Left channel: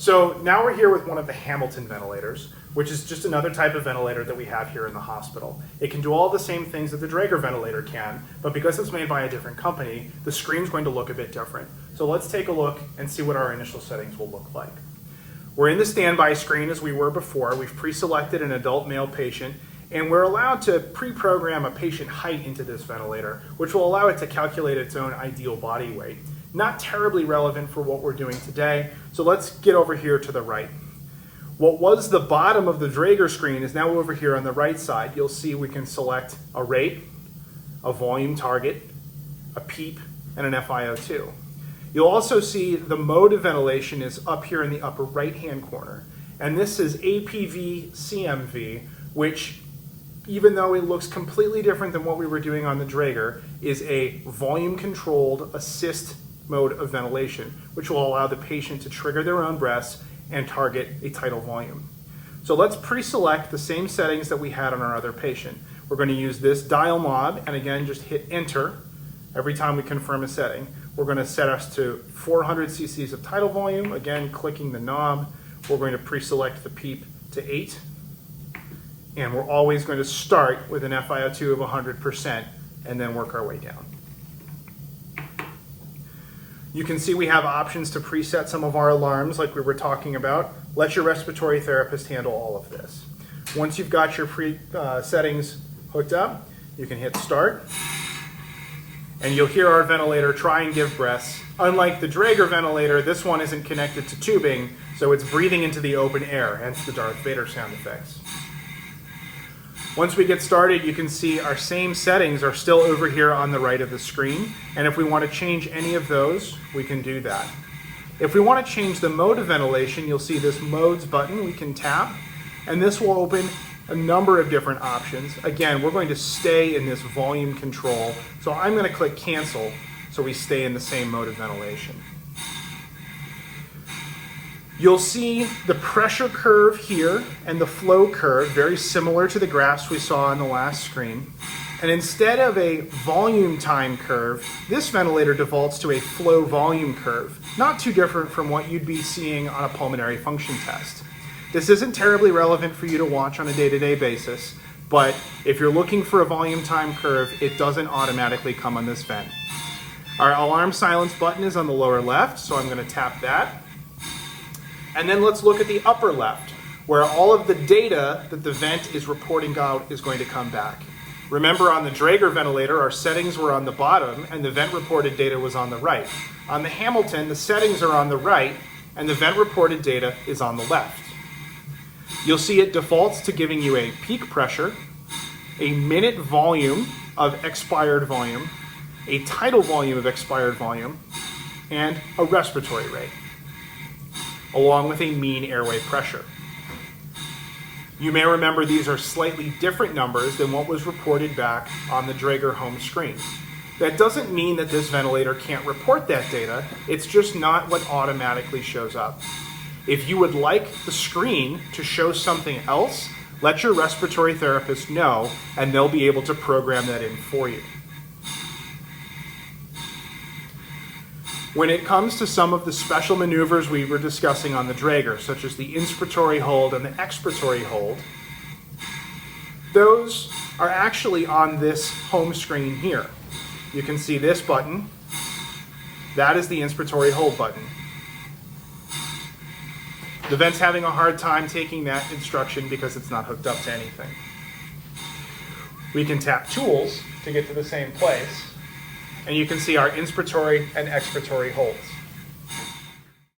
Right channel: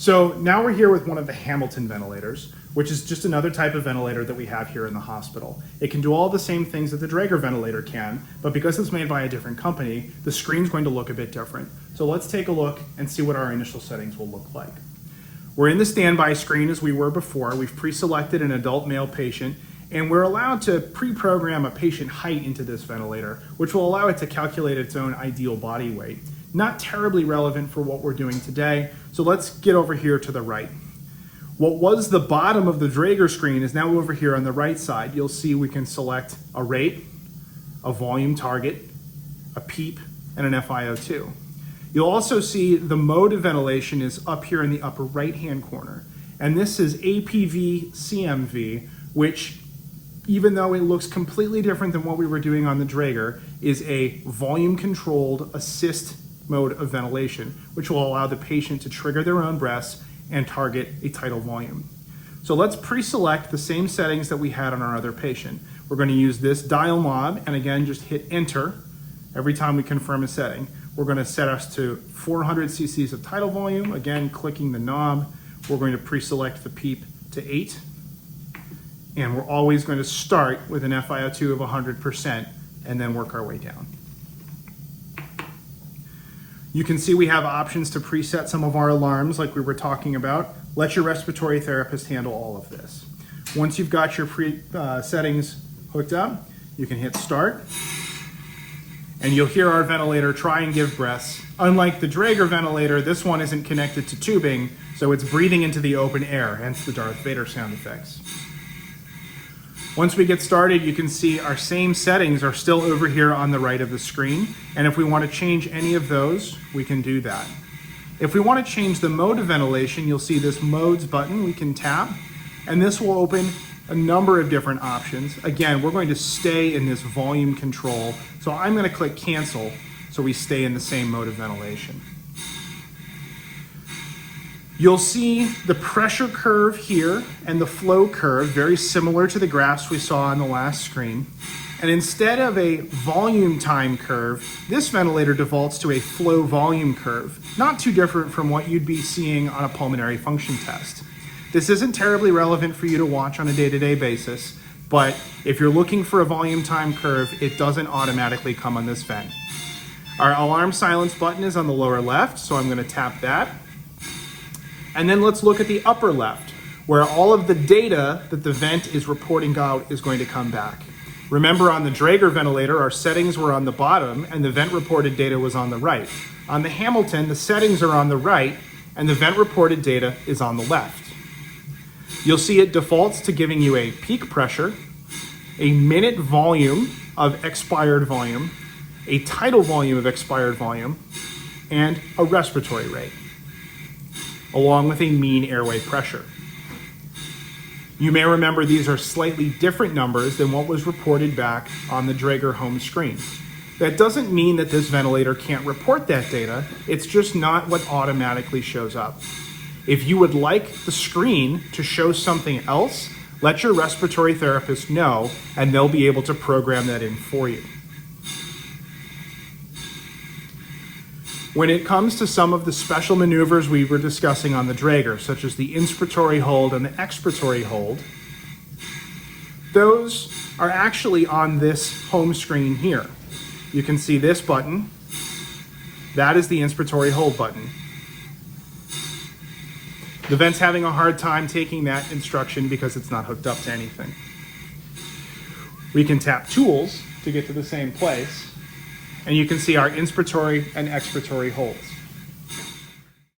So now we're here with one of the Hamilton ventilators, which is just another type of ventilator that we have here in the hospital. It can do all the same things that the Draeger ventilator can, but because it's made by a different company, the screen's going to look a bit different. So let's take a look and see what our initial settings will look like. We're in the standby screen as we were before. We've pre-selected an adult male patient, and we're allowed to pre-program a patient height into this ventilator, which will allow it to calculate its own ideal body weight. Not terribly relevant for what we're doing today, so let's get over here to the right. What was the bottom of the Draeger screen is now over here on the right side. You'll see we can select a rate, a volume target, a PEEP, and an FiO2. You'll also see the mode of ventilation is up here in the upper right-hand corner. And this is APV CMV, which, even though it looks completely different than what we were doing on the Draeger, is a volume-controlled assist mode of ventilation, which will allow the patient to trigger their own breaths and target a tidal volume. So let's pre-select the same settings that we had on our other patient. We're going to use this dial knob, and again, just hit enter every time we confirm a setting. We're going to set us to 400 cc's of tidal volume. Again, clicking the knob. We're going to pre-select the PEEP to 8. And we're always going to start with an FiO2 of 100% and then work our way down. You can see we have options to preset some of our alarms like we were talking about. Let your respiratory therapist handle all of this. Once you've got your settings hooked up, you can hit start, and you'll hear our ventilator try and give breaths. Unlike the Draeger ventilator, this one isn't connected to tubing, so it's breathing into the open air, hence the Darth Vader sound effects. Once we get started, you can see our same settings are still over here on the right of the screen, and if we want to change any of those, we can do that. If we want to change the mode of ventilation, you'll see this modes button we can tap, and this will open a number of different options. Again, we're going to stay in this volume control, so I'm going to click cancel so we stay in the same mode of ventilation. You'll see the pressure curve here and the flow curve, very similar to the graphs we saw on the last screen. And instead of a volume time curve, this ventilator defaults to a flow volume curve, not too different from what you'd be seeing on a pulmonary function test. This isn't terribly relevant for you to watch on a day-to-day basis, but if you're looking for a volume time curve, it doesn't automatically come on this vent. Our alarm silence button is on the lower left, so I'm going to tap that. And then let's look at the upper left, where all of the data that the vent is reporting out is going to come back. Remember, on the Draeger ventilator, our settings were on the bottom and the vent reported data was on the right. On the Hamilton, the settings are on the right and the vent reported data is on the left. You'll see it defaults to giving you a peak pressure, a minute volume of expired volume, a tidal volume of expired volume, and a respiratory rate, along with a mean airway pressure. You may remember these are slightly different numbers than what was reported back on the Draeger home screen. That doesn't mean that this ventilator can't report that data, it's just not what automatically shows up. If you would like the screen to show something else, let your respiratory therapist know and they'll be able to program that in for you. When it comes to some of the special maneuvers we were discussing on the Draeger, such as the Inspiratory Hold and the Expiratory Hold, those are actually on this home screen here. You can see this button. That is the Inspiratory Hold button. The vent's having a hard time taking that instruction because it's not hooked up to anything. We can tap Tools to get to the same place, and you can see our inspiratory and expiratory holds.